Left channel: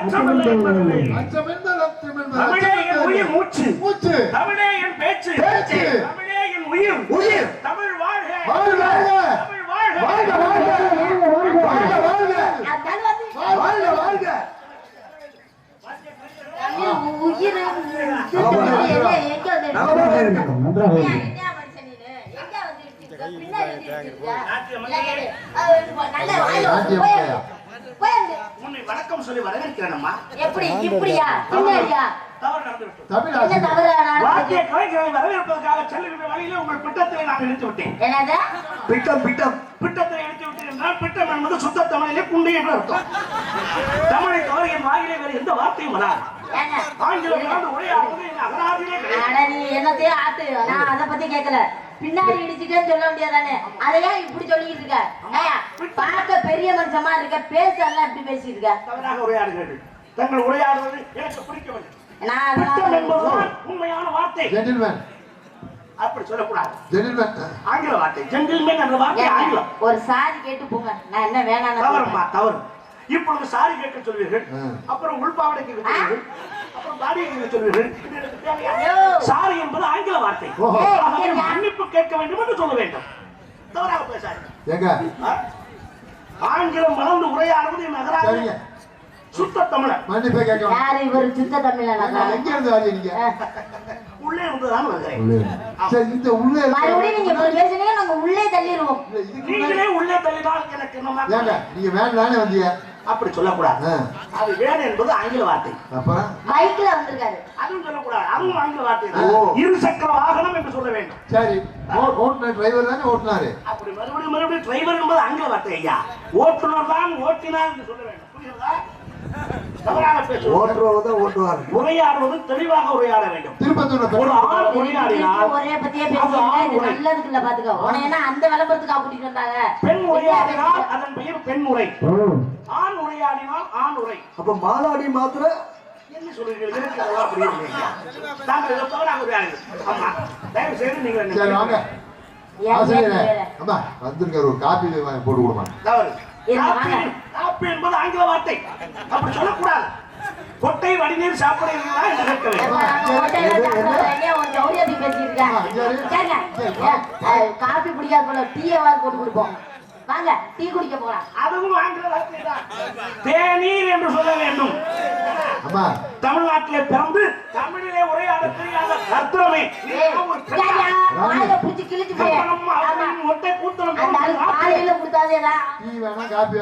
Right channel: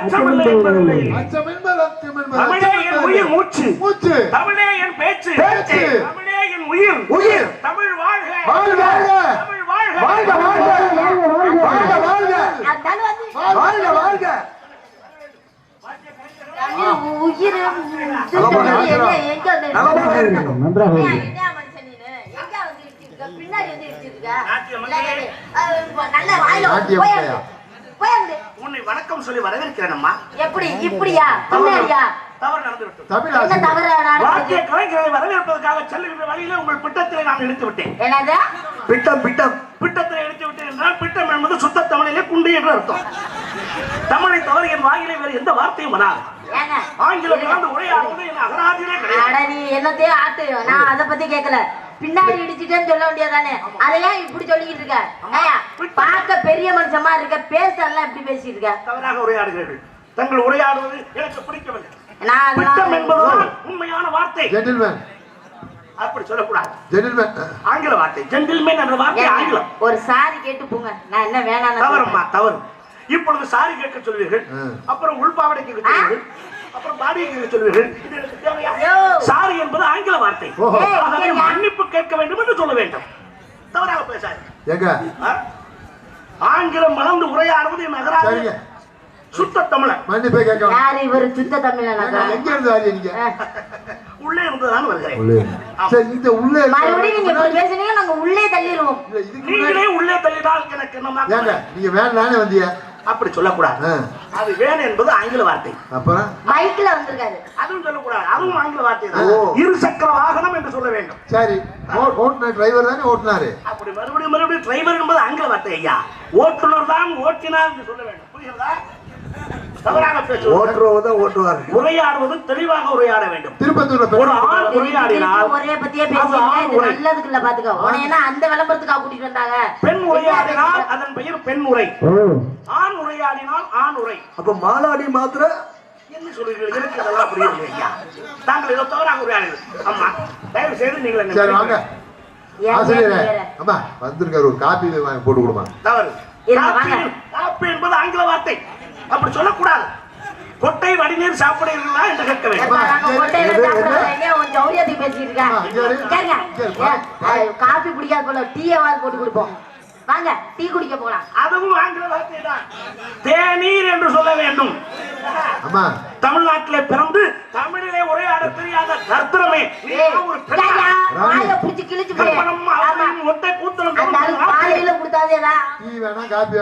அச்சமில்லை என்பதில்லை. தமிழே என் உயிர் மூச்சு, தமிழே என் பேச்சு, தமிழே என் உயிர். தமிழ் வாழ்க, தமிழ் வாழ்க, வாழ்க உன்னை வணக்கம் சொல்லி வரவேற்கிறேன் அம்மா. எப்படி இப்படியா? தமிழா தவறு நடந்துவிட்டது. வாத்திய கலைஞரை வரவேற்பதற்காக செல்லுகின்ற வழியிலே உங்கள் பிட்டத்தை நான் எடுத்து விட்டேன். என்னது பிட்டத்தை எடுத்து விட்டேன் என்றால் பிட்டம் என்பது சுத்த தமிழிலே குண்டு என்று அர்த்தம். தமிழை தவிர என் வாயிலே வேறு எந்த வார்த்தையும் வராது. ஆங்கிலம் கலந்து உரையாடுவது என் அகராதியிலே கிடையாது. நீ என்னத்தையே ஆட்டு, நான் அதை பத்தி கேட்கல. பின்னாடி இடிச்சுட்டேன்னு சொல்ல வேண்டியதானே, அதையா இப்படி சொல்லிட்டு இருக்க? பார்க்க பெரிய மனுஷமா இருக்க, பேசலாம் இப்படி பேசிட்டு இருக்க. தவறாக உரையாடுகிறீர்கள். தங்கள் உரையாடுவது எனக்கு பிடிக்கவில்லை. பிட்டம் என்பதுதான் உண்மையான வார்த்தை. அப்படி சொல்லக்கூடாது. ஆங்கில வார்த்தை ஜென்டில்மேன் என்ற வார்த்தை ஆங்கிலம். ஒரு சாரி கேட்டு போங்க, நான் என்ன வேணாம். தவறுமா தவறு. இப்பொழுது சாரி கேட்க சொல்வீர்கள், அப்புறம் உள்பாவடை கேட்க சொல்வீர்கள், அப்புறம் பாடி கேட்க சொல்வீர்கள். சாரி என்பது ஆங்கில வார்த்தை. மன்னிப்பு கேட்க வேண்டும் என்று சொல்ல வேண்டும். தவறாக பேசாது. ஆங்கிலம் மறந்து உரையாடுவது என் நகராது. சுத்த தமிழன். மன்னிப்பை கேட்க யாரு இவர்? சுத்த தமிழன். எங்க இருந்து வரீங்க? உள்ளே இருந்துதான் வருகிறேன். இந்த உள்ளே மறுபடியும் நீங்க பேசுனீங்க, நாங்க உள்ளே தள்ளிடுவோம். நீங்களே உள்ளே தள்ளினால் எனக்கு என்ன? நீங்க வேற நானே வந்தீங்க. அப்படி சொல்லக்கூடாது. அது வேணும் என்பது ஆங்கில வார்த்தை. அப்புறம் மைக்ல வந்திருக்காரு, அதுவும் சொல்லக்கூடாது. அதுவும் ஆங்கில வார்த்தை தான். இருசக்கர வாகனம் என்று சொல்ல வேண்டும். சரி, ஓட்டுநர் டிரைவர் தானே ஓட்டுனாரு. அப்படி மறுபடியும் டிரைவர் என்பது ஆங்கில வார்த்தை ஐயா. ஓட்டுநர் தான் ஓட்டினார் என்று சொல்ல வேண்டும். புரியுதா? தவறாக பேசுவார். உரையாடுவது தெளிவாக உரையாட வேண்டும். ஒரு ஆள் உரையாடினால் ஒரே பத்தியே பேசுறீங்க, நல்லதுக்கு இல்ல பாத்துக்கோ. உனையனா அந்த விளம்பரத்துக்காக கூட்டிட்டு வந்தாங்க. பெண் உரையாடினால் அதன் பெயர் பெண் உரை, ஆண் உரையாடினால் ஆண் உரை. அப்ப மாலாடி மாத்திர என்ன சொல்றீர்கள்? எனக்கு அதெல்லாம் புரியவில்லை. தாங்கள் ஏதோ தவறாக உரையாடுங்கள். ஆமா, தயவு செய்து நீங்கள் சரி வாங்க. ஆசிரியரே, அம்மா வந்திருக்காரு, ஒரு காபி வாங்கி போட்டு கொடுமா. தவறு. காப்பி என்பது ஆங்கில வார்த்தை. அப்படி சொல்லக்கூடாது. கொட்டை வடிநீர் சாப்பிடுறீங்களா என்று கேட்க வேண்டும். காபி குடிக்காது போல டீயாவது போட்டு கொடுப்போம். வாங்க டீ குடிக்க போலாம். அதுவும் ஆங்கில வார்த்தை தான். தேநீர் என்று சொல்ல வேண்டும். தமிழ்நாட்டிலே பிறந்து தமிழிலே உரையாட தெரியாத தர்த்தமே பிடிச்சி கிழிச்சு போய் மொட்டை கூத்தம் காலையில கொடுத்தாதேடா.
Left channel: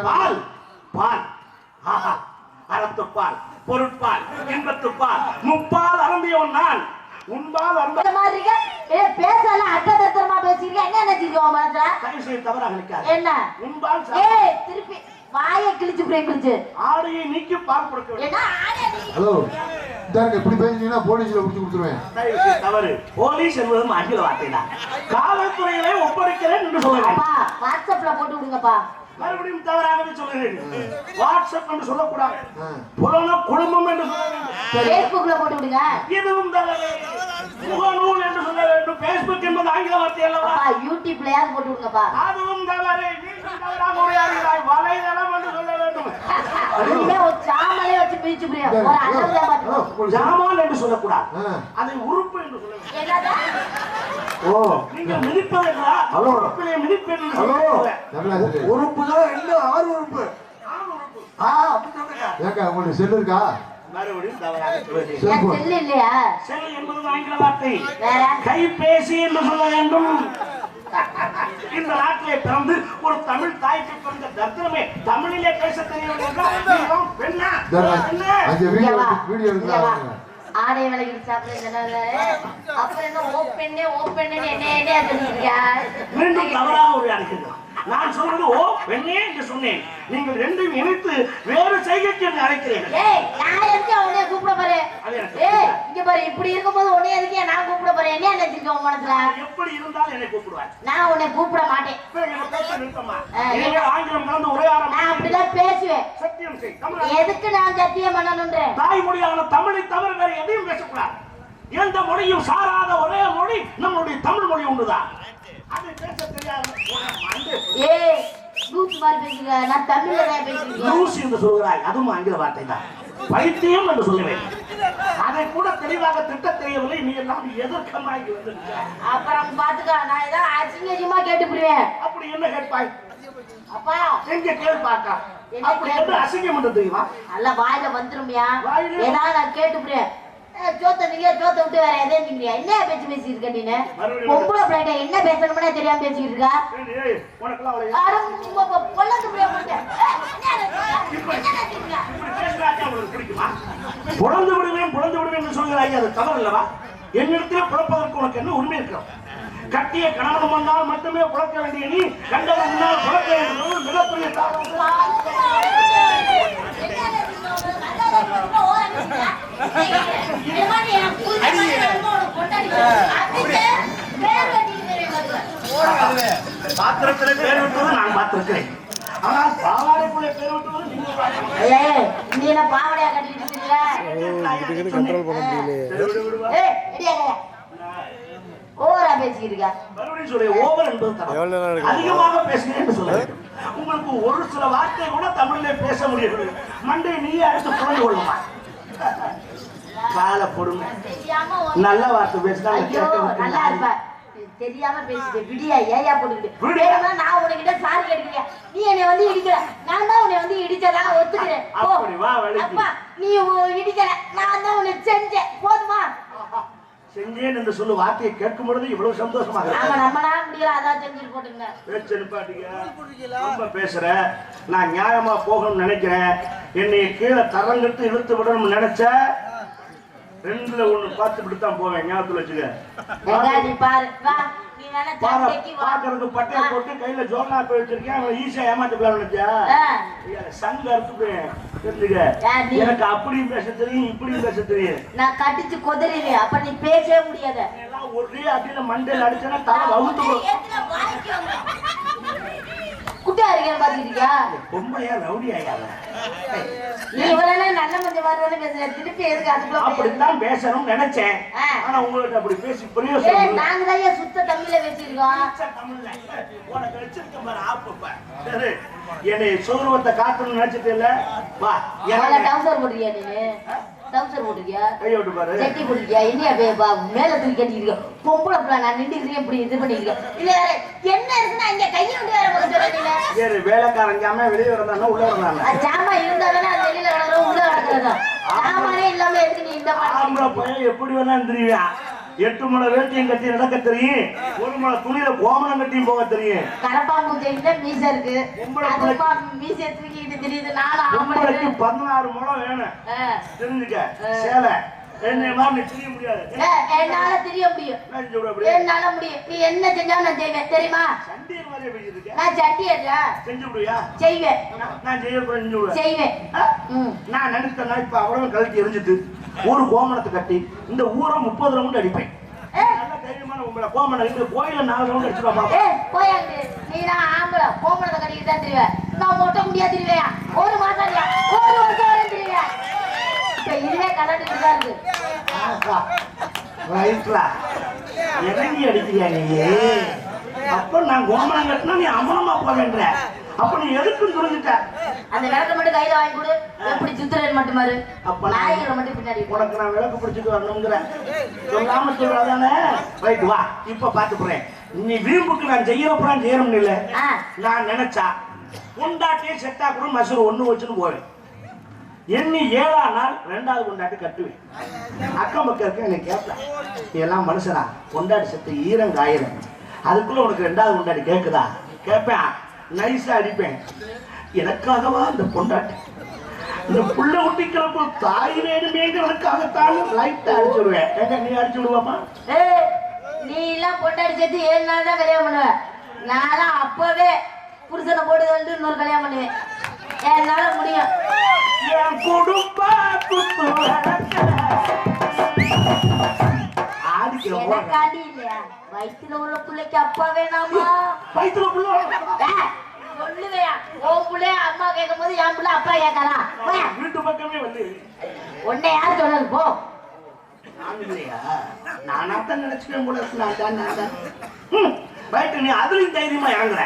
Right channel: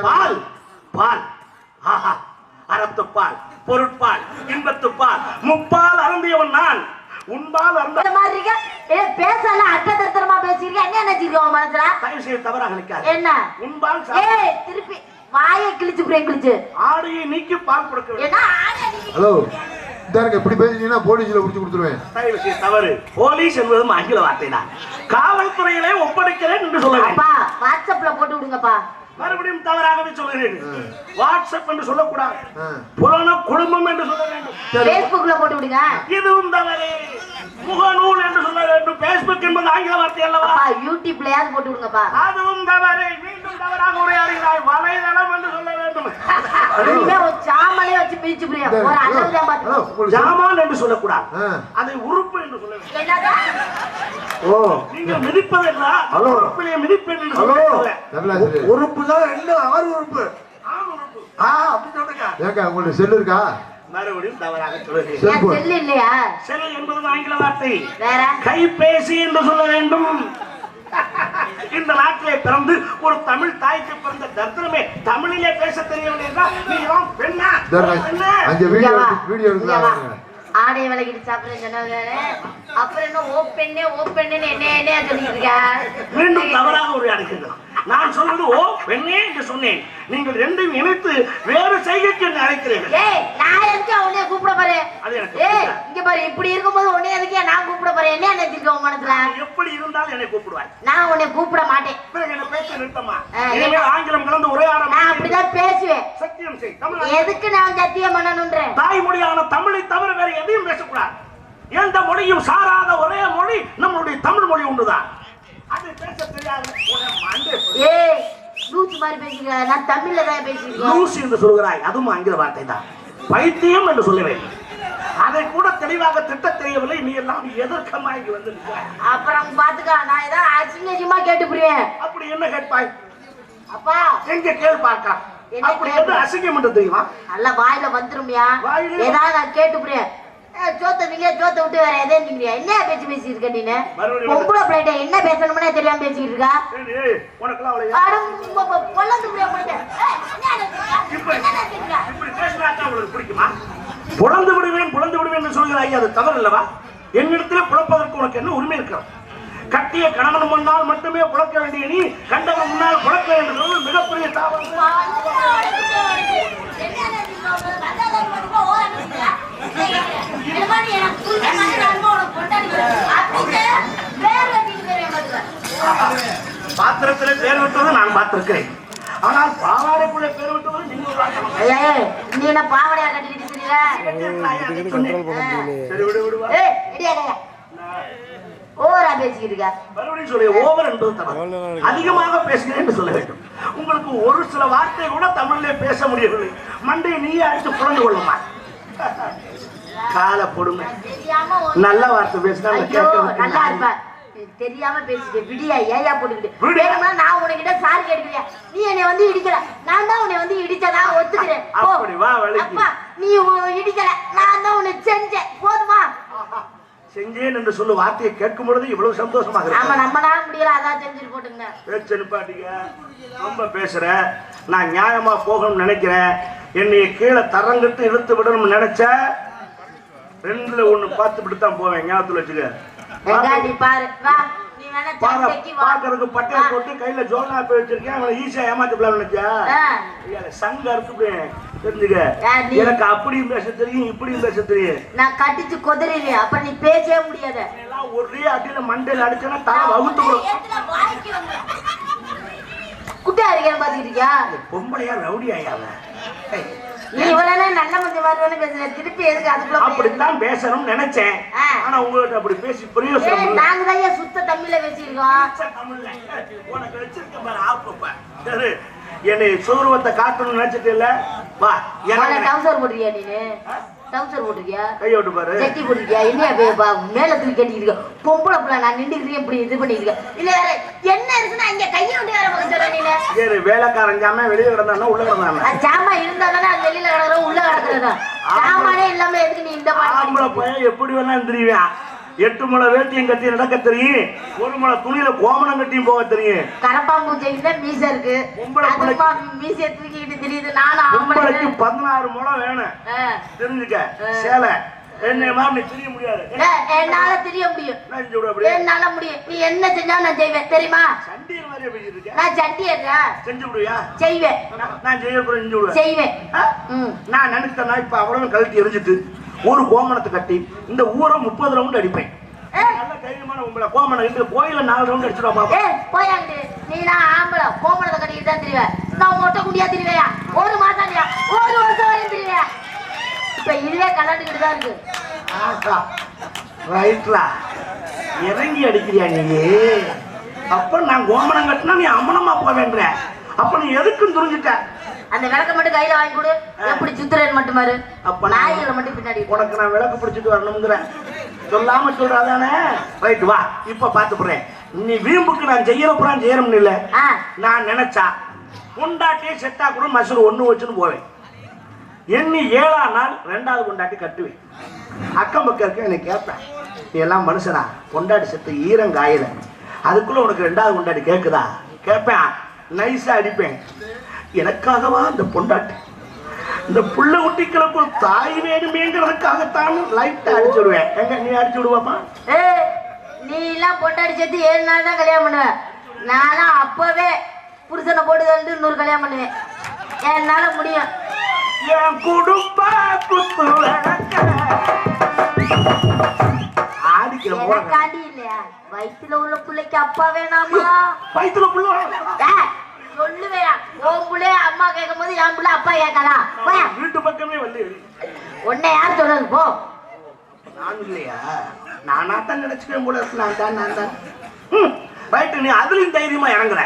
பால் பால் ஆஹா, அறத்துப்பால், பொருட்பால், இன்பத்துப்பால், முப்பால் அருந்தியவன் நான். உன்பால் அந்த மாதிரி பேசல அட்டதர்த்தமா பேசிருக்க. என்ன நினைச்சிருக்கோம் மனசுல? தயவுசெய்து தவறாக நினைக்காத. என்ன உன்பால் திருப்பி வாயை கிழிச்சு பிரேக் கிழிச்சு ஆடையை நீக்கி பால் கொடுக்க வேண்டும். ஹலோ, இப்படி பேசிட்டீங்கன்னா போலீஸ்ல பிடிச்சு கொடுத்துருவேன். தயவுசெய்து தவறு. போலீஸ் என்பதும் ஆங்கில வார்த்தை தான். காவல்துறையிலே ஒப்படைக்கிறேன் என்று சொல்லுவேன். வாட்ஸ்அப்ல போட்டு விடுங்கப்பா. மறுபடியும் தவறாகவே சொல்லுகிறீர்கள். வாட்ஸ்அப் என்று சொல்லக்கூடாது, புராண குடும்பம் என்று சொல்ல வேண்டும். பேஸ்புக்ல போட்டு விடுங்க. இதுவும் தவறு. முகநூல் என்று சொல்ல வேண்டும். பேஸ்புக் என்பது ஆங்கில வார்த்தை அல்லவா? யூடியூப்லயாவது போட்டு விடுங்கப்பா. அதுவும் தவறு. மீண்டும் தவறாக உரையாடுகிறாய். வலைதளம் என்று சொல்ல வேண்டும். சாமலே வச்சு பிரிச்சு புரியும். ஒரு அண்ணா பாத்து ஜாமான் என்று சொல்லக்கூடாது, அதை உறுப்பு என்று சொல்ல வேண்டும். என்னடா நீங்க மிதிப்பதா? உறுப்பிலே மிதிப்பு என்று சொல்லுங்க. உறுப்பு தான் என்ன? ஆறு உறுப்பு. அப்படி சொல்லுங்க. ஏங்க உங்களுக்கு செல்லு இருக்கா? மறுபடியும் தவறாக சொல்லுங்க. செல் இல்லையா? செல் என்பது ஆங்கில வார்த்தை. வேற கைபேசி என்று சொல்ல வேண்டும். இந்த நாட்டிலே பிறந்து ஒரு தமிழ் தாய்க்கு பிறந்த தர்த்தனமே தமிழிலே பேச தெரியவில்லை என்றால் பெண்ணா? வீடியோ ஆடை விலகிட்டு சாப்பிடுறது. அப்புறம் என்ன ஓப்பெண்ணே ஓப்பெண்ணு என்ன சொல்லிருக்க? மீண்டும் தவறாக உரையாடுகிறோம். நான் சொல்வது ஓ பெண்ணே என்று சொன்னேன். நீங்கள் ரெண்டையும் இணைத்து வேறு செய்கைக்கு என்னை அழைக்கிறீர்கள். நான் எதுக்கு உன்னைய கூப்பிட போறேன்? இங்க பாரு, இப்படி இருக்கும்போது உன்னை எதுக்கு நான் கூப்பிட போறேன்? என்ன நினைச்சிருக்க உன் மனசுல? எப்படி இருந்தாலும் என்னை கூப்பிடுவாய். நான் உன்னை கூப்பிட மாட்டேன். பேச நிறுத்தமா? ஆங்கிலம் கலந்து உரையாட நான் அப்படிதான் பேசுவேன். சத்தியம் செய். எதுக்கு நான் சத்தியம் பண்ணணும்ன்றேன்? தாய்மொழியான தமிழை தவிர வேற எதையும் பேசக்கூடாது. எந்த மொழியும் சாராத ஒரே மொழி நம்மளுடைய தமிழ் மொழி ஒன்றுதான். அது பேச தெரியாது. லூசு மாதிரி பேசுங்க. நான் தமிழ்ல தான் பேசுறேன். லூசு என்று சொல்கிறாய், அதுவும் ஆங்கில வார்த்தை தான். பைத்தியம் என்று சொல்ல வேண்டும். அதை கூட தெளிவாக திட்ட தெரியவில்லை. நீ எல்லாம் எதற்கமாகி வந்திருக்க? அப்புறம் பாத்துக்கா, நான் ஏதாவது அசிங்கமா கேட்டு புரிவேன். அப்படி என்ன கேட்பாய்? அப்பா எங்க கேள் பாக்கா. அப்படி எது அசிங்கம் என்று தெரியுமா? அல்ல வாயில வந்துருமியா? வாயிலே ஏதாவது நான் கேட்டு புரிவேன். சோத்த விட்டு வேற எதே நீங்க என்ன பேச்சு பேசிட்டு இருக்க? நீ பொம்பளை பிள்ளைகிட்ட என்ன பேசணும்னே தெரியாம பேசிட்டு இருக்கா? உனக்குலாம் அவளை பொல்லந்து புரிய போயிட்டேன். இப்படி பேசுறாங்க உங்களுக்கு பிடிக்குமா? புலந்து விடுவேன் என்று சொல்கிறாய், அது தவறு அல்லவா? என்னிடத்துல புலப்பதற்கு உனக்கு என்ன உரிமை இருக்கிறது? கட்டிய கணவன் முன்னால் மட்டுமே புலக்க வேண்டிய நீ கண்டவன் முன்னால் புலக்க வேண்டியது மிகப்பெரிய தாவம். பாத்திரத்திலே பேர் விட்டுவது நான் பார்த்திருக்கிறேன். ஆனால் பாவாடைக்குள்ள பேர் விட்டுவது நீ என்ன பாவாடையா கட்டிக்கிட்டு ஓவரா பேசிக்கிட்டு இருக்க. மறுபடியும் சொல்ல ஓவர் என்பது தவறு. அதிகமாக பேசுகிறேன் என்று சொல்ல வேண்டும். உங்களுக்கு ஒரு சில வார்த்தை கூட தமிழிலே பேச முடியவில்லை. மண்டை நீயே அடித்து புரண்டு கொள்ளுமா? கால கொடுமை. நல்ல வார்த்தை பேசினா நல்லா இருப்ப. தெரியாம பேசிட்டு விடியா ஏயா போட்டுக்கிட்டு நான் உனக்கிட்ட சாரி கேட்கிறியா? நீ என்னை வந்து இடிக்கிற, நான் தான் உன்னை வந்து இடிச்சதா ஒத்துக்கிறேன். அப்பா நீ இடிக்கல, நான் தான் உன்னை செஞ்சேன். போதுமா? செஞ்சேன் என்று சொல்லு வார்த்தையை கேட்கும் பொழுது இவ்வளவு சந்தோஷமாக நம்மளால முடியல, அதான் செஞ்சுட்டு போட்டுங்க. பேச்சு நிப்பாட்டிங்க. ரொம்ப பேசுற. நான் நியாயமா போகணும்னு நினைக்கிறேன். என்னை கீழே தரங்கிட்டு இழுத்து விடணும்னு நினைச்ச ரெண்டுல ஒண்ணு பார்த்து விட்டுத்தான் போவேன். ஞாபகத்துல வச்சுக்க. பாக்குறதுக்கு பட்டையை போட்டு கையில ஜோர்னா போய் வச்சிருக்கேன். அவனை ஈஸியா ஏமாத்திக்கலாம் நினைச்சா சங்க அறுத்து தெரிஞ்சுக்க. எனக்கு அப்படியும் பேச தெரியும், இப்படியும் பேச தெரியும். நான் கட்டிச்சு கொதறிவேன், அப்ப நீ பேசவே முடியாத. ஒரே அடியில மண்டையில் அடிச்சேன்னா தலை வகுத்து குட்டியா இருக்கேன் பாத்துக்கிட்டு இருக்கியா? பொம்பளையா ரவுடி ஆயாவ. நீ இவ்வளவு நல்ல மஞ்சள் மாதிரி பேசுற, திருப்பி எதுக்கு அதுக்குள்ள? அப்படித்தான் பேசணும்னு நினைச்சேன். ஆனா உங்களுக்கு அப்படி பேசி பிரயோசனம். நாங்க தான் சுத்த தமிழ்ல பேசிருக்கோம். உனக்கு வச்சிருக்க பாரு ஆப்பப்ப. சரி, என்னை சௌரவத்தை காட்டணும்னு நினைச்சிட்டு இல்ல. வா, டவுசர் போட்டுறியா? நீனு டவுசர் போட்டுறியா? கையோட்டு பாரு. சட்டி போட்டுறியா? என்ன மேல தூக்கி கட்டிட்டு பொம்பளை பிள்ளை நான் நின்றுக்கிறேன் இப்படி இது பண்ணிருக்கேன். இல்ல வேற என்ன இருக்குன்னா இங்க கையை விட்டு வேற போக சொல்ற. நீ சரி, வேலைக்காரன் ஜாமா வெளியே கிடந்தானா உள்ள கிடந்தானா? ஜாமா இருந்தாதானே அது வெளியில கிடக்குறோம், உள்ள கிடக்குறதா? ஜாமானே இல்லாம எதுக்கு நீ இந்த ஆம்பளை போய் எப்படி வேணா தெரியுவியா? 8 முளை வேட்டியும் கட்டி நடக்க தெரியும், 1 முளை துணியில கோமணம் கட்டியும் போக தெரியும். கரப்பாம்பூச்சைக்கு மீச இருக்கு, மீசைய தூக்கிட்டு தெரியுது. நானும் 16 முளை வேணும் தெரிஞ்சுக்க. சேலை என்ன மாதிரி தெரிய முடியாது. என்னால தெரிய முடியும், என்னால முடியும். நீ என்ன செஞ்சாலும் நான் செய்வேன் தெரியுமா? சண்டியர் மாதிரியே பேசிட்டு இருக்க. நான் சண்டியர்யா? செஞ்சு விடுவியா? செய்வேன். நான் செய்யக்கூட செஞ்சு விடுவேன். செய்வேன். நான் நினைத்தேன்னா இப்ப அவ்வளவு கழட்டி எரிஞ்சிட்டு ஒரு கோமணத்தை கட்டி இந்த ஊரை 30 ரவுண்ட் அடிப்பேன். நல்ல தைரியமான உங்களை கோமணம் இந்த கோயில 4 ரவுண்ட் அடிச்சுடா பாப்பா. போயாங்க நீ. நான் ஆம்பளை கோமணத்தை கட்டிக்கிட்டு தான் தெரிவேன். நான் மொட்டை முடியா தெரிவையா? 1 மாசம் இல்லையா, 1 வருஷம் வரையும் தெரிவையா? இப்ப இதுவே கலந்துக்கிட்டு தான் இருக்கு. ரைட்ரா, இறங்கி அடிக்கிறியா நீ? அப்ப நான் கோமணம் கட்டினா நீ அம்மனமா போவேன்ற. அப்ப நீ எதுக்கும் துணிஞ்சிட்ட. அந்த விளக்க மட்டும் கையில வாங்கி கொடு. எப்படி சுத்துறேன்னு மட்டும் பாரு. அப்ப நாய்களை மட்டும் பின்னாடி. உனக்கு நான் விளக்கு பிடிச்சிட்டு வரணுங்கிற சொல்லாம சொல்றாதானே? ரைட், வா இப்ப பாத்து போறேன். நீ வீம்புக்கு நான் செய்யறப்புறம் செய்யணும்னு இல்ல. நான் நினைச்சா கொண்டாட்டியே செத்தா கூட மசூர் 1 வச்சுன்னு போவேன். எண்ணி 7ஆம் நாள் 2வது கொண்டாட்டி கட்டுவேன். அக்கம் பக்கம் இருக்க என்னை கேட்பேன், நீ எல்லாம் மனுஷனா? கொண்டாடி செத்து ஈரம் காயில அதுக்குள்ள உனக்கு 2வது கொண்டாடி கேட்குதா? கேட்பேன். நைஸா அடிப்பேன். எனக்காகவா அந்த பொண்டாட்டி? இந்த புள்ள குட்டிகளுக்கு ஒரு தாய் வேணுமேங்கிறதுக்காகத்தான் லைட்டா அடிச்சுடுவேன். எங்க நீ அடிச்சு விடுவாமா? நீ எல்லாம் பொண்டாடி சேர்த்து 7 நாள் தான் கல்யாணம் பண்ணுவேன். நானும் அப்பவே புருஷனை போட்டு வந்து இன்னொரு கல்யாணம் பண்ணுவேன். என்னால முடியும். என் குடும்ப ஆடிக்காண்டி இல்லையா? வயிற்றுல உள்ள பிள்ளைக்கு அப்பா வேணாமா? வயிற்றுல புள்ள சொல்லுவையா? உன் பிள்ளைய அம்மா கேட்கும் போது என் பிள்ளை அப்பா கேட்கறா? வீட்டு பக்கமே வந்து உன்னை யார் சொன்னது? போ. நான் இல்லையா? நானாத்தான் நினைச்சுக்கேன் போல இருக்கு. நான் தான் ரைட்டு. நீ அதுலயும் தைரியமா இறங்குற.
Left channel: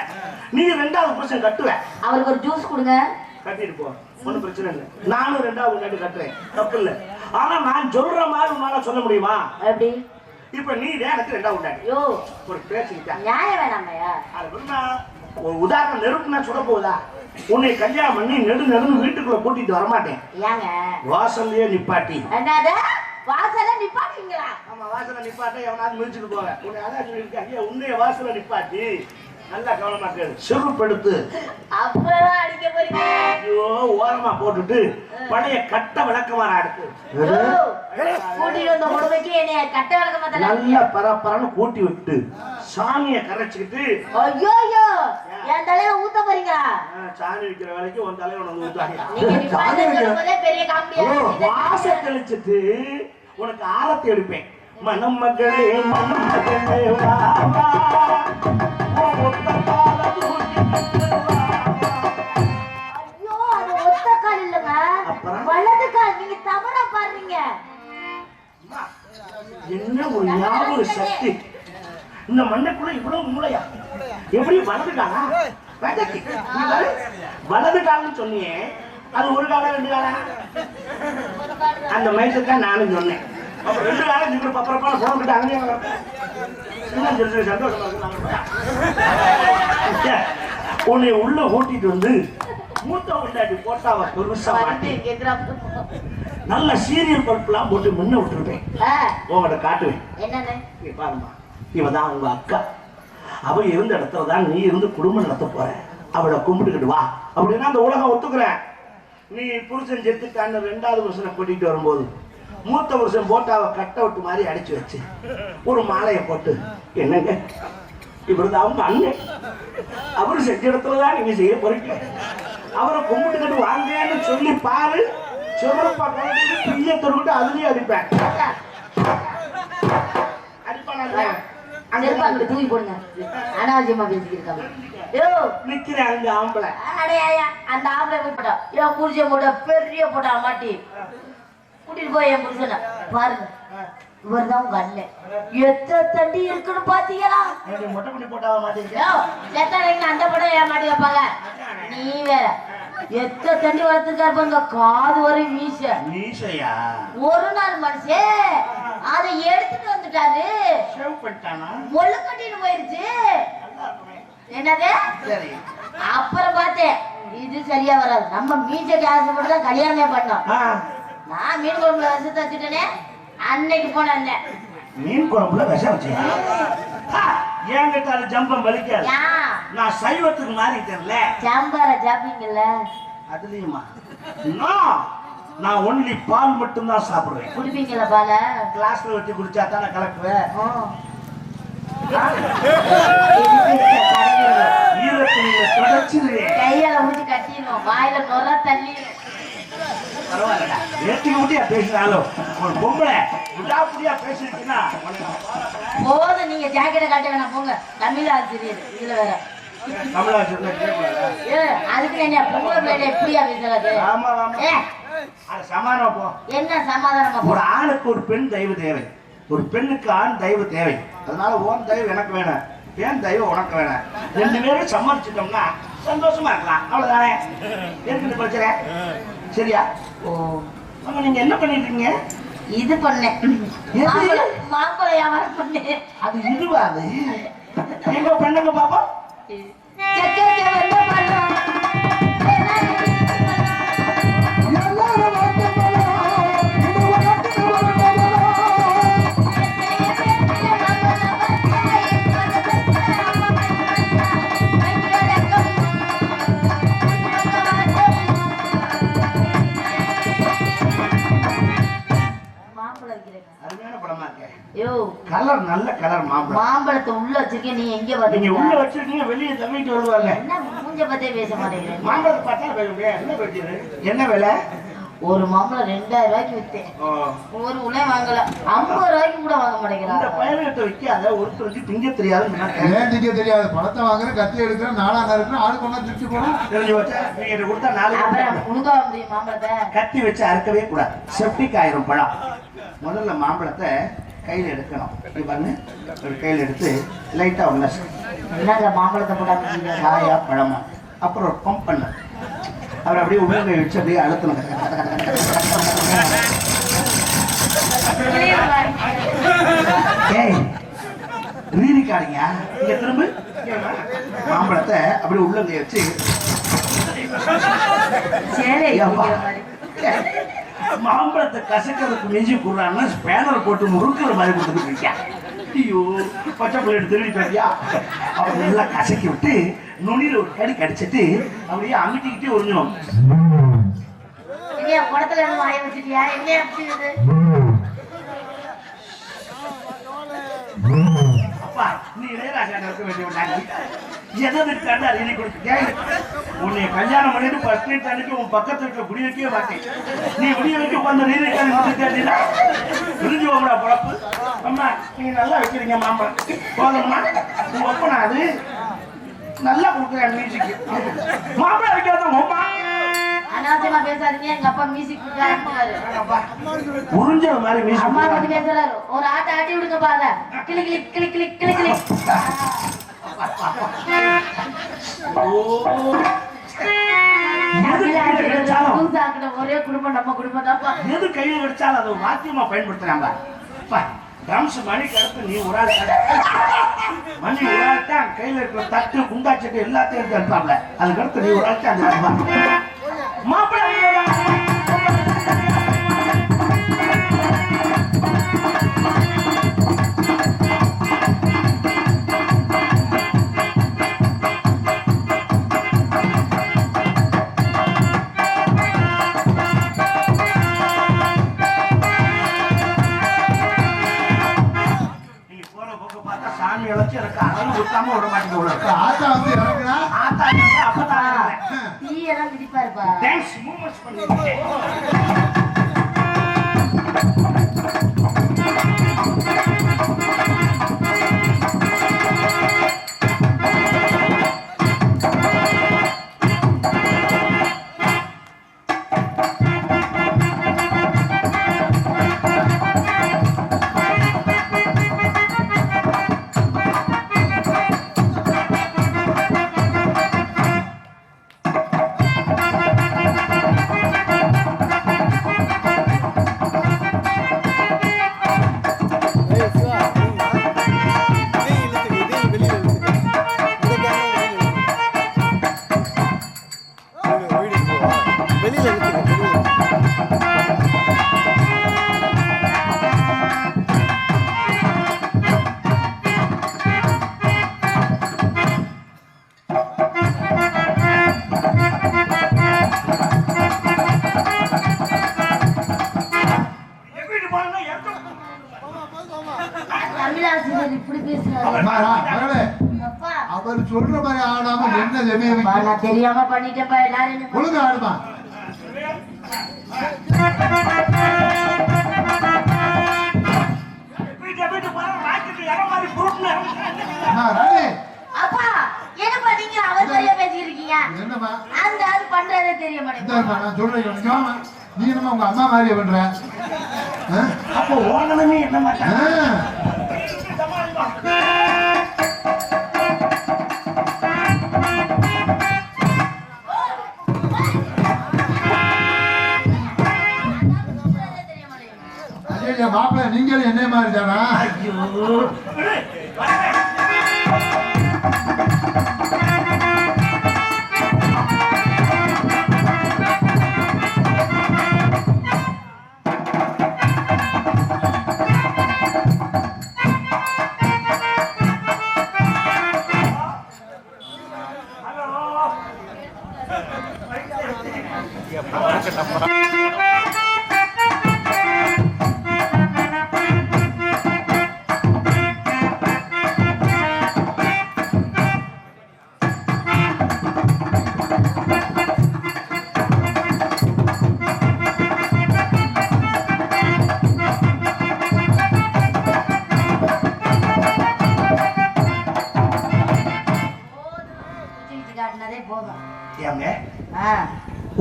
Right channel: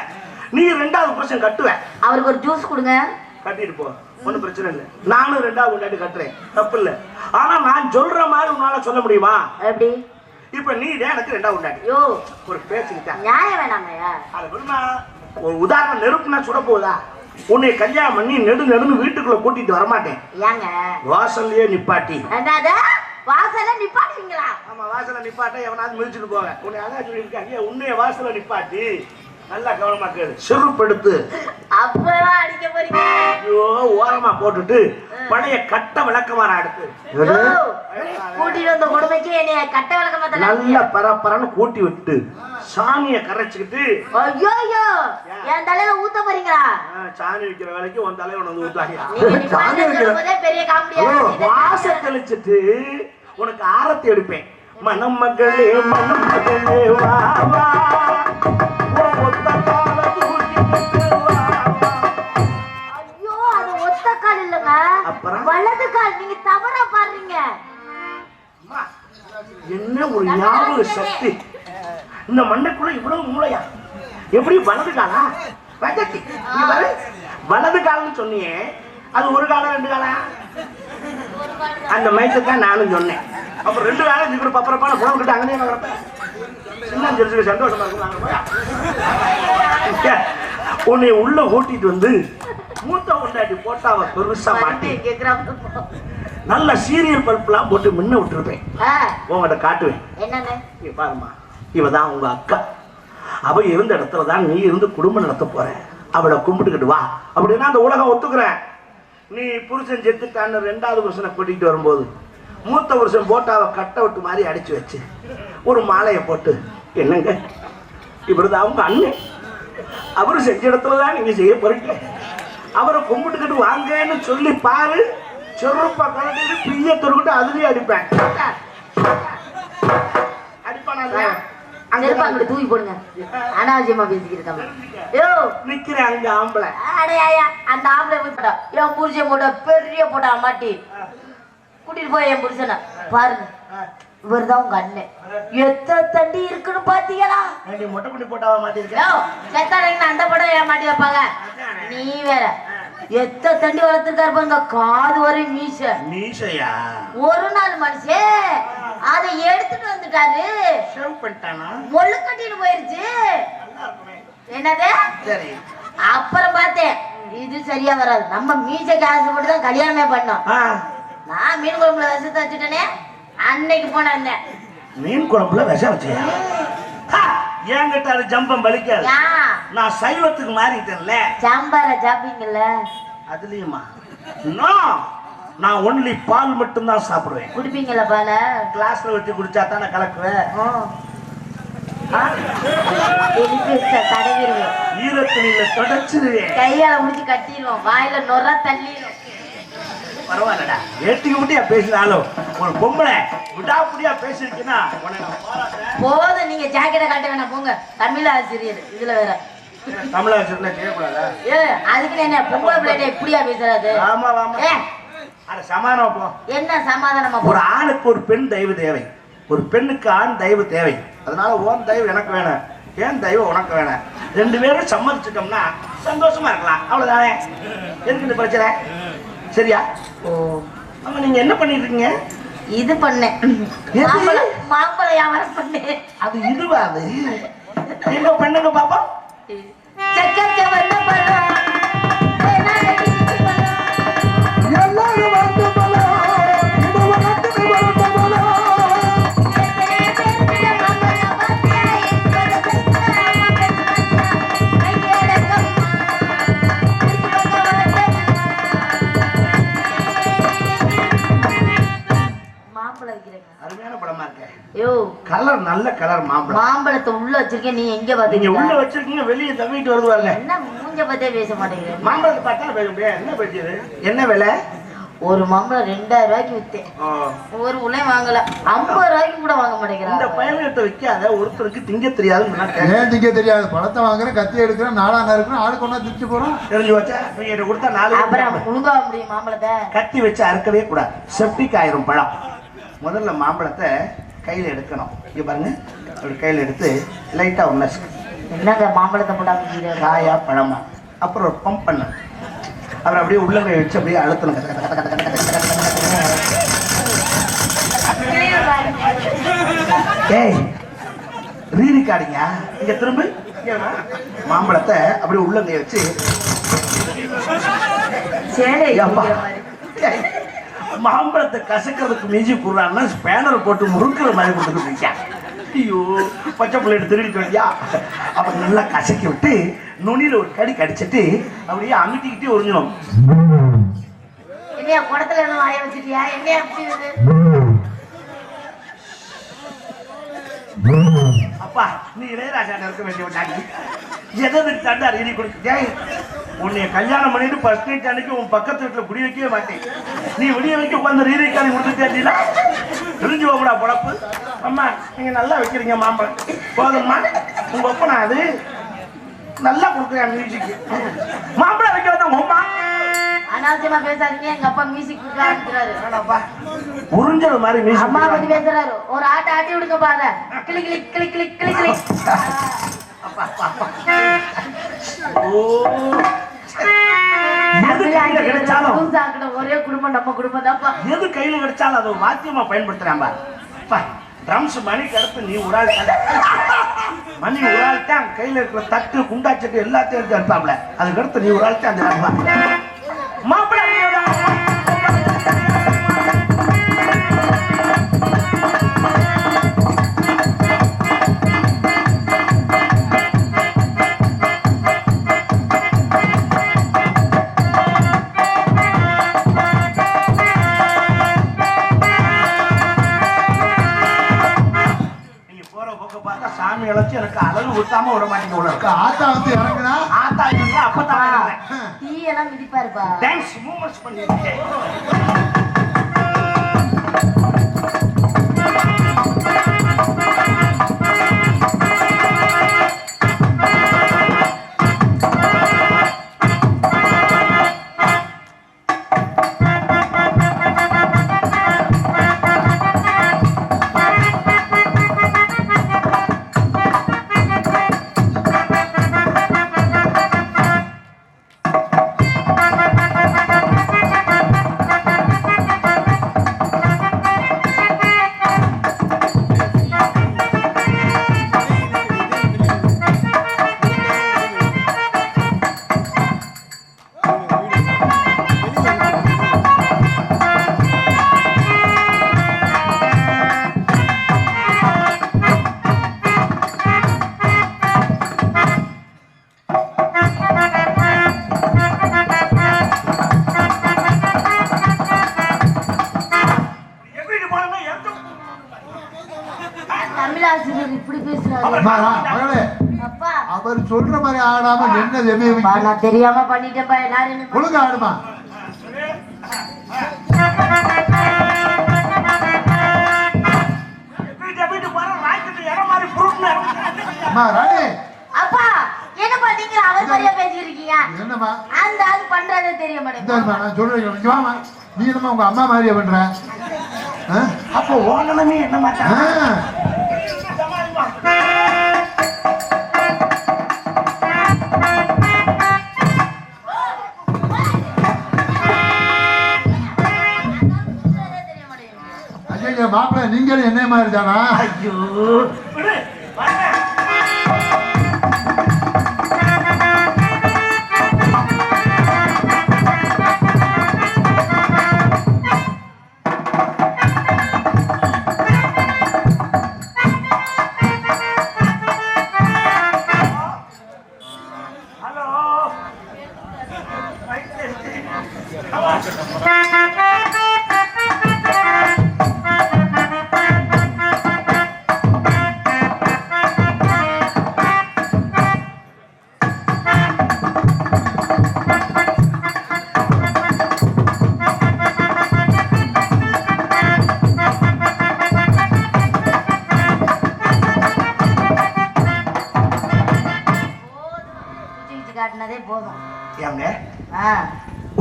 நீ 2வது புருஷன் கட்டுவ. அவருக்கு ஒரு ஜூஸ் கொடுங்க. கட்டிட்டு போ, ஒன்றும் பிரச்சனை இல்லை. நானும் 2வது பொண்டாட்டி கட்டுறேன், தப்பு இல்லை. ஆனா நான் சொல்ற மாதிரி உன்னால சொல்ல முடியுமா? எப்படி? இப்ப நீ எனக்கு 2வது பொண்டாட்டி. யோ ஒரு பேச்சுக்கிட்டா நியாயம் வேணாமையா? அது விடுமா, ஒரு உதாரணம் நெருப்புனா சுட போகுதா? உன்னை கல்யாணம் பண்ணி நெடுன்னு வீட்டுக்குள்ள கூட்டிட்டு வரமாட்டேன். ஏங்க வாசல்லையே நிப்பாட்டி. என்னது வாசல்ல நிப்பாட்டுவீங்களா? ஆமா, வாசல்ல நிப்பாட்ட எவனாவது மிதிச்சுட்டு போவேன். உன்னை அதான் சொல்லியிருக்காங்க, உன்னைய வாசல்ல நிப்பாட்டி நல்லா கவனமா கேளு, செருப்படுத்து. அப்பதான் அடிக்க போறீங்க. ஐயோ, ஓரமா போட்டுட்டு பழைய கட்ட விளக்கமாற அடுத்து கூட்டிட்டு வந்த கொடுமைக்கு என்னைய கட்ட விளக்கமா நல்லா பரப்பரன்னு கூட்டி விட்டு சாணிய கரைச்சுக்கிட்டு. ஐயோ ஐயோ, என் தலையில ஊத்த போறீங்களா? சாணி வைக்கிற வேலைக்கு உன் தலையை உனக்கு ஊத்தாங்க. பெரிய காமெடியா வாச தெளிச்சுட்டு உனக்கு ஆரத்தி எடுப்பேன். மனம் மகளே மனம் மகளே வா வா, ஒத்த கால ஐயோ, அது ஒத்த கால் இல்லங்க, வலது கால். நீங்க தவறா பாருங்க. என்ன ஒரு ஞாபக சக்தி! இந்த மண்ணுக்குள்ள இவ்வளவு மூளையா? எப்படி வலது காலா? வலது கால்னு சொன்னியே, அது ஒரு காலம் 2 காலம்? அந்த மைசத்தான் நானும் சொன்னேன். அப்ப 2 காலம் இப்படி பப்பரப்பான போன விட்டு அங்கேயே சந்தோஷமா இருக்கும். உன்னை உள்ள ஓட்டிட்டு வந்து மூத்த கொண்டாடி போட்டாவ பெருசா மாட்டி நல்ல சீரியல் பல்பெல்லாம் போட்டு முன்ன விட்டுருப்பேன். உங்கள்கிட்ட காட்டுவேன். என்னன்னு பாருமா, இவதான் உங்க அக்கா. அவ இருந்த இடத்துலதான் நீ இருந்து குடும்பம் நடத்த போற. அவளை கும்பிட்டுக்கிட்டு வா அப்படின்னா அந்த உலகம் ஒத்துக்குற. நீ புருஷன் செத்துக்கான்னு 2வது புருஷனை கூட்டிட்டு வரும்போது மூத்த புருஷன் போட்டாவ கட்ட விட்டு மாதிரி அடிச்சு வச்சு ஒரு மாலையை போட்டு, என்னங்க இப்படிதான் அவங்க அண்ணன், அவரு செஞ்ச இடத்துலதான் நீங்க செய்ய போறீங்க, அவரை கும்பிட்டுக்கிட்டு வாங்கன்னு சொல்லி பாரு. செருப்பா கலந்து பிரிய தொருக்கிட்டு அதுலயே அடிப்பேன். அடிப்பானா? அங்க தூக்கி போடுங்க. அனாவசியமா பேசிக்கிட்டு நிக்கிறேன் அங்க ஆம்பளை. அடையா, அந்த ஆம்பளை போய் போட்டா என் புருஷன் போட்டா பெரிய போட்டா மாட்டி கூட்டிட்டு போய் என் புருஷனை பாருங்க, இவர் தான் உங்க அண்ணன். எத்த தண்டி இருக்குன்னு பாத்தீங்களா? மொட்டை குட்டி போட்டாவ மாட்டேன். அந்த படம் ஏன் மாட்டி வைப்பாங்க? நீ வேற எத்த தண்டி வளர்த்துருக்காரு பாருங்க, காது வரை மீசையா. ஒரு நாள் மனுஷன் அதை எடுத்துட்டு வந்துட்டாரு, மொழு கட்டிட்டு போயிருச்சு. என்னது? அப்புறம் பார்த்தேன் இது சரியா வராது, நம்ம மீசைக்கு ஆசைப்பட்டு தான் கல்யாணமே பண்ணோம். நான் மீன் குழம்புல விஷத்தை வச்சுட்டேனே, அன்னைக்கு போன இல்ல. மீன் குழம்புல விஷம் வச்சு என்கிட்ட அது ஜம்பம் பலிக்காது. நான் சைவத்துக்கு மாறிட்டேன்ல. சாம்பார சாப்பிட்டீங்கல்ல? அதுலயுமா? நான் ஒன்லி பால் மட்டும் தான் சாப்பிடுவேன். குடிப்பீங்களா பால? கிளாஸ்ல வச்சு குடிச்சா தானே கலக்குவேன். ஈரத்துணியில தொடச்சிருவேன், கையால முடிச்சு கட்டிடுவோம், வாயில நொற தள்ளிடும். பரவாயில்லடா, ஏட்டிக்கு முட்டியா பேசினாலும் ஒரு பொம்பளை விடாப்புடியா பேசிருக்கீங்கன்னா போதும். நீங்க ஜாக்கெட்டை காட்ட வேணாம் போங்க. தமிழ் ஆசிரியர் இதுல வேற தமிழ் ஆசிரியர் கேட்கக்கூடாதா? அதுக்கு என்ன பொம்பளை பிள்ளைட எப்படியா பேசுறாரு? ஆமா ஆமா, அட சமாதானம் போ. என்ன சமாதானமா? ஒரு ஆணுக்கு ஒரு பெண் தெய்வ தேவை, ஒரு பெண்ணுக்கு ஆண் தெய்வ தேவை. அதனால ஓன் தெய்வம் எனக்கு வேணும், ஏன் தெய்வம் உனக்கு வேணும். 2 பேரும் சம்மதிச்சிட்டோம்னா சந்தோஷமா இருக்கலாம், அவ்வளவுதானே. எதுக்கு இந்த பிரச்சனை? சரியா? ஓ, ஆமா. நீங்க என்ன பண்ணிட்டு இருக்கீங்க? இது பண்ணேன், மாம்பழ வியாபாரம் பண்ணேன். அது இதுவா? அது எங்க பெண்ணுங்க பாப்பா சக்கரை வந்த பழம் கலர், நல்ல கலர் மாம்பழம். மாம்பழத்தை உள்ள வச்சிருக்கேன், நீ எங்க பாத்தீங்க? நீங்க உள்ள வச்சிருக்கீங்க, வெளியே தவிட்டு வருவாங்க. என்ன மூஞ்ச பத்தே பேச மாட்டேங்கிறேன். மாம்பழத்தை பார்த்தா பேசுறேன். என்ன பேசுறது? என்ன விலை? ஒரு மாம்பழம் 2000 ரூபாய்க்கு வித்தேன். ஒரு உலை வாங்கல, 50 ரூபாய்க்கு கூட வாங்க மாட்டேங்கிறேன். இந்த பயணத்தை வைக்காத, ஒருத்தருக்கு திங்க தெரியாது. ஏன் திங்க தெரியாது? பழத்தை வாங்குறேன், கத்தி எடுக்கிறேன், 4 இருக்கிறேன், ஆடு கொண்டா திட்டு போறோம். தெரிஞ்சு வச்சா நீங்க கொடுத்தா 4 அப்புறம் உழுங்கா முடியும் மாம்பழத்தை. கத்தி வச்சு அறுக்கவே கூடாது, செப்டிக் ஆயிரும் பழம். முதல்ல மாம்பழத்தை கையில் எடுக்கணும். இங்க பாருங்க, ஒரு கையில் எடுத்து லைட்டா ஒன்று என்னங்க மாம்பழத்தை போடாம காயா பழமா, அப்புறம் ஒரு பம்ப் பண்ண அவர் அப்படியே உள்ளங்கை வச்சு அப்படியே அழுத்தணும். ஏய் ரீரிக்காடிங்க இங்க திரும்ப மாம்பழத்தை அப்படியே உள்ளங்கை வச்சு மாம்பழத்தை கசக்கிறதுக்கு மிஞ்சி போடுறாங்கன்னா ஸ்பேனர் போட்டு முறுக்கிற மாதிரி கொடுத்துட்டு ஐயோ பச்சை பிள்ளைட்டு திருடிட்டு வந்தியா அவன் நல்லா கசக்கி விட்டு நுனியில ஒரு கடி கடிச்சிட்டு அப்படியே அமுட்டிக்கிட்டே உறிஞ்சணும். அப்பா நீ இளையராஜா இருக்க வேண்டிய எதை தண்டா எழுதி கொடுத்து உன்னை கல்யாணம் பண்ணிட்டு ஃபர்ஸ்ட் நைட் அன்னைக்கு உன் பக்கத்து வீட்டுல குடி வைக்கவே மாட்டேன். நீ வெளியே வைக்க உட்காந்து ரீதிக்கான முடிச்சா புரிஞ்சு போகடா பொழப்பு. அம்மா நீங்க நல்லா வைக்கிறீங்க மாம்பழம் போதும்மா உங்க ஒப்பனா அது நல்லா கொடுக்குறேன் மியூசிக்கு மாம்பழம் வைக்க வந்தா உமா அனாவசியமா பேசாதீங்க. எங்க அப்பா மியூசிக் உறிஞ்சது மாதிரி மியூசிக் அம்மா பத்தி பேசுறாரு. ஒரு ஆட்ட ஆட்டி விடுங்க பாத கிளி கிளி கிளி கிளி கிளி கிளி. ஒரே குடும்பம் நம்ம குடும்பம் தான். எது கையில கிடைச்சாலும் அதை வாத்தியமா பயன்படுத்துறாங்க. ட்ரம்ஸ் மணிக்கு அடுத்து நீ ஒரு ஆள் மணி ஒரு ஆள்தான் கையில இருக்கிற தட்டு குண்டாச்சட்டு எல்லாத்தையும் எடுத்து எடுத்தாப்ல. அதுக்கு அடுத்து நீ ஒரு ஆள்தான் அந்த மாப்பிள்ளை சாமி வச்சு எனக்கு அழகு ஊத்தாம விட மாட்டேங்க. ஆத்தா வந்து இறங்குனா ஆத்தா அப்பதான் டீ எல்லாம் விதிப்பாருப்பா. தேங்க்ஸ் மூமெண்ட்ஸ் பண்ணிருக்கேன். அவர் சொல்ற மாதிரி ஆடாம நின்னது தெரியாம பண்ணிட்டேப்பா. எல்லாரும் ஒழுங்கு ஆடுமா. அப்பா என்ன பண்ணீங்க? அவர் மாதிரியா பேசிருக்கீங்க. என்னமா அந்த ஆள் பண்றதே தெரிய மாட்டேங்குது. நான் சொல்றேன் நீ என்னமா உங்க அம்மா மாதிரியா பண்ற? அப்போ ஓனமே என்ன மாட்டேன். மாப்பிள்ள நீங்களும் என்ன மாதிரி தானா? ஐயோ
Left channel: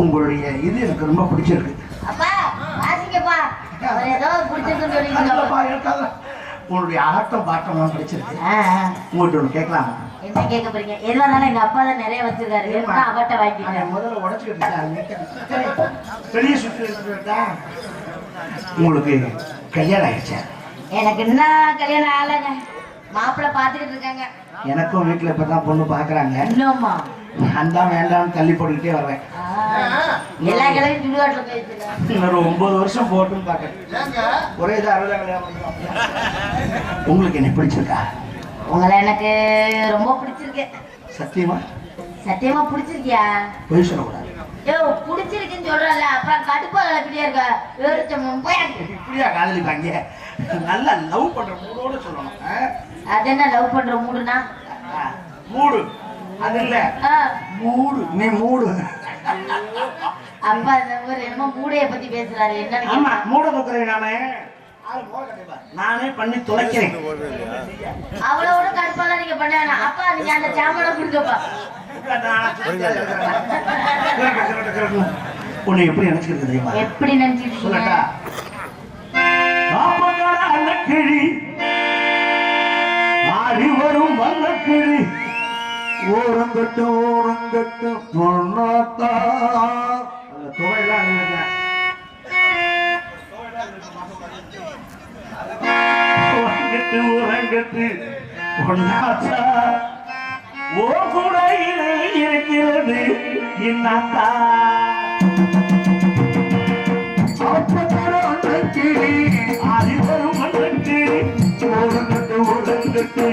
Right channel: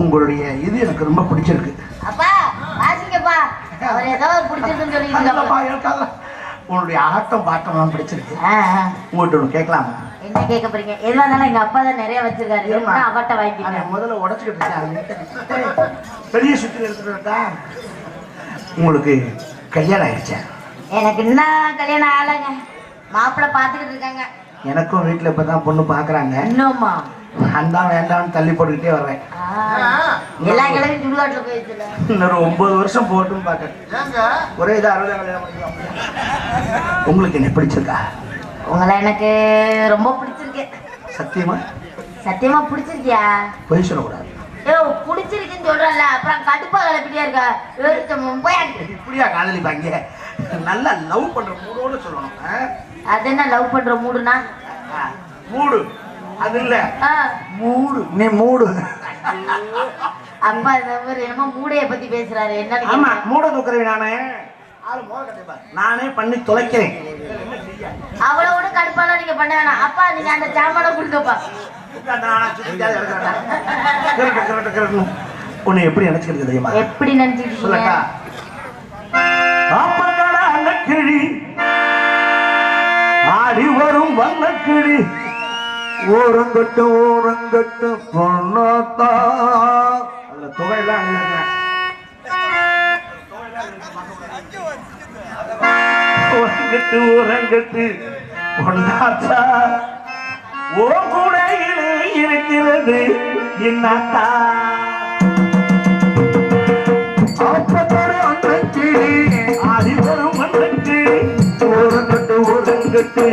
உங்களுடைய இது எனக்கு ரொம்ப பிடிச்சிருக்கு. உங்களுடைய ஆட்டம் பாட்டம் பிடிச்சிருக்கு. உங்கள்கிட்ட ஒன்று கேட்கலாமா? என்ன கேட்க போறீங்க? எதுவா இருந்தாலும் எங்க அப்பா தான் நிறைய வச்சிருக்காரு. நான் அவட்ட வாங்கிட்டேன். முதல்ல உடைச்சுக்கிட்டு இருக்கேன். பெரிய சுற்றி எடுத்துக்கிட்டா உங்களுக்கு கல்யாணம் ஆயிடுச்சா? எனக்கு என்ன கல்யாணம் ஆகலைங்க. மாப்பிள்ளை பார்த்துக்கிட்டு இருக்காங்க. எனக்கும் வீட்டுல இப்பதான் பொண்ணு பாக்குறாங்க. இன்னும்மா நான் தான் வேண்டாம்னு தள்ளி போட்டுக்கிட்டே வர்றேன். எல்லா கிழமையும் சுடுகாட்டுல போயிடுச்சுல. இன்னொரு 9 வருஷம் போட்டுன்னு பாக்குறேன். ஒரே இது 60 உங்களுக்கு என்ன பிடிச்சிருக்கா? உங்களை எனக்கு ரொம்ப பிடிச்சிருக்கு. சத்தியமா? சத்தியமா பிடிச்சிருக்கியா? பொய் சொல்லக்கூடாது. ஏ பிடிச்சிருக்குன்னு சொல்றல, அப்புறம் கடுப்பா கலப்பிட்டியா இருக்கா? இப்படியா காதலிப்பாங்க? நல்லா லவ் பண்ற மூடோட சொல்லணும். அது என்ன லவ் பண்ற மூடுனா? மூடு அது இல்ல, மூடு. நீ மூடு. அப்பா இந்த மாதிரி என்னமோ மூடைய பத்தி பேசுறாரு. என்ன? ஆமா, மூட தூக்குறேன் நானே பண்ணி தொலைக்கிறேன். அவ்வளவோட கடுப்பாலாம் நீங்க பண்ண வேணாம். அப்பா நீங்க அந்த சாமான கொடுங்கப்பா. உன்னை எப்படி நினைச்சுக்கிறது தெரியுமா? எப்படி நினைச்சுக்கிட்டு சொல்லட்டா? அந்த கிளி ஆடி வரும் வல்ல கிளி ஓரங்கட்டு பொண்ணாத்தா. அந்த தொகையெல்லாம் ஓரங்கட்டு பொண்ணாத்தா ஓ கூடையிலே இருக்கிறது என்னத்தா. ஆடி வரும் வல்ல கிளி ஓரங்கட்டு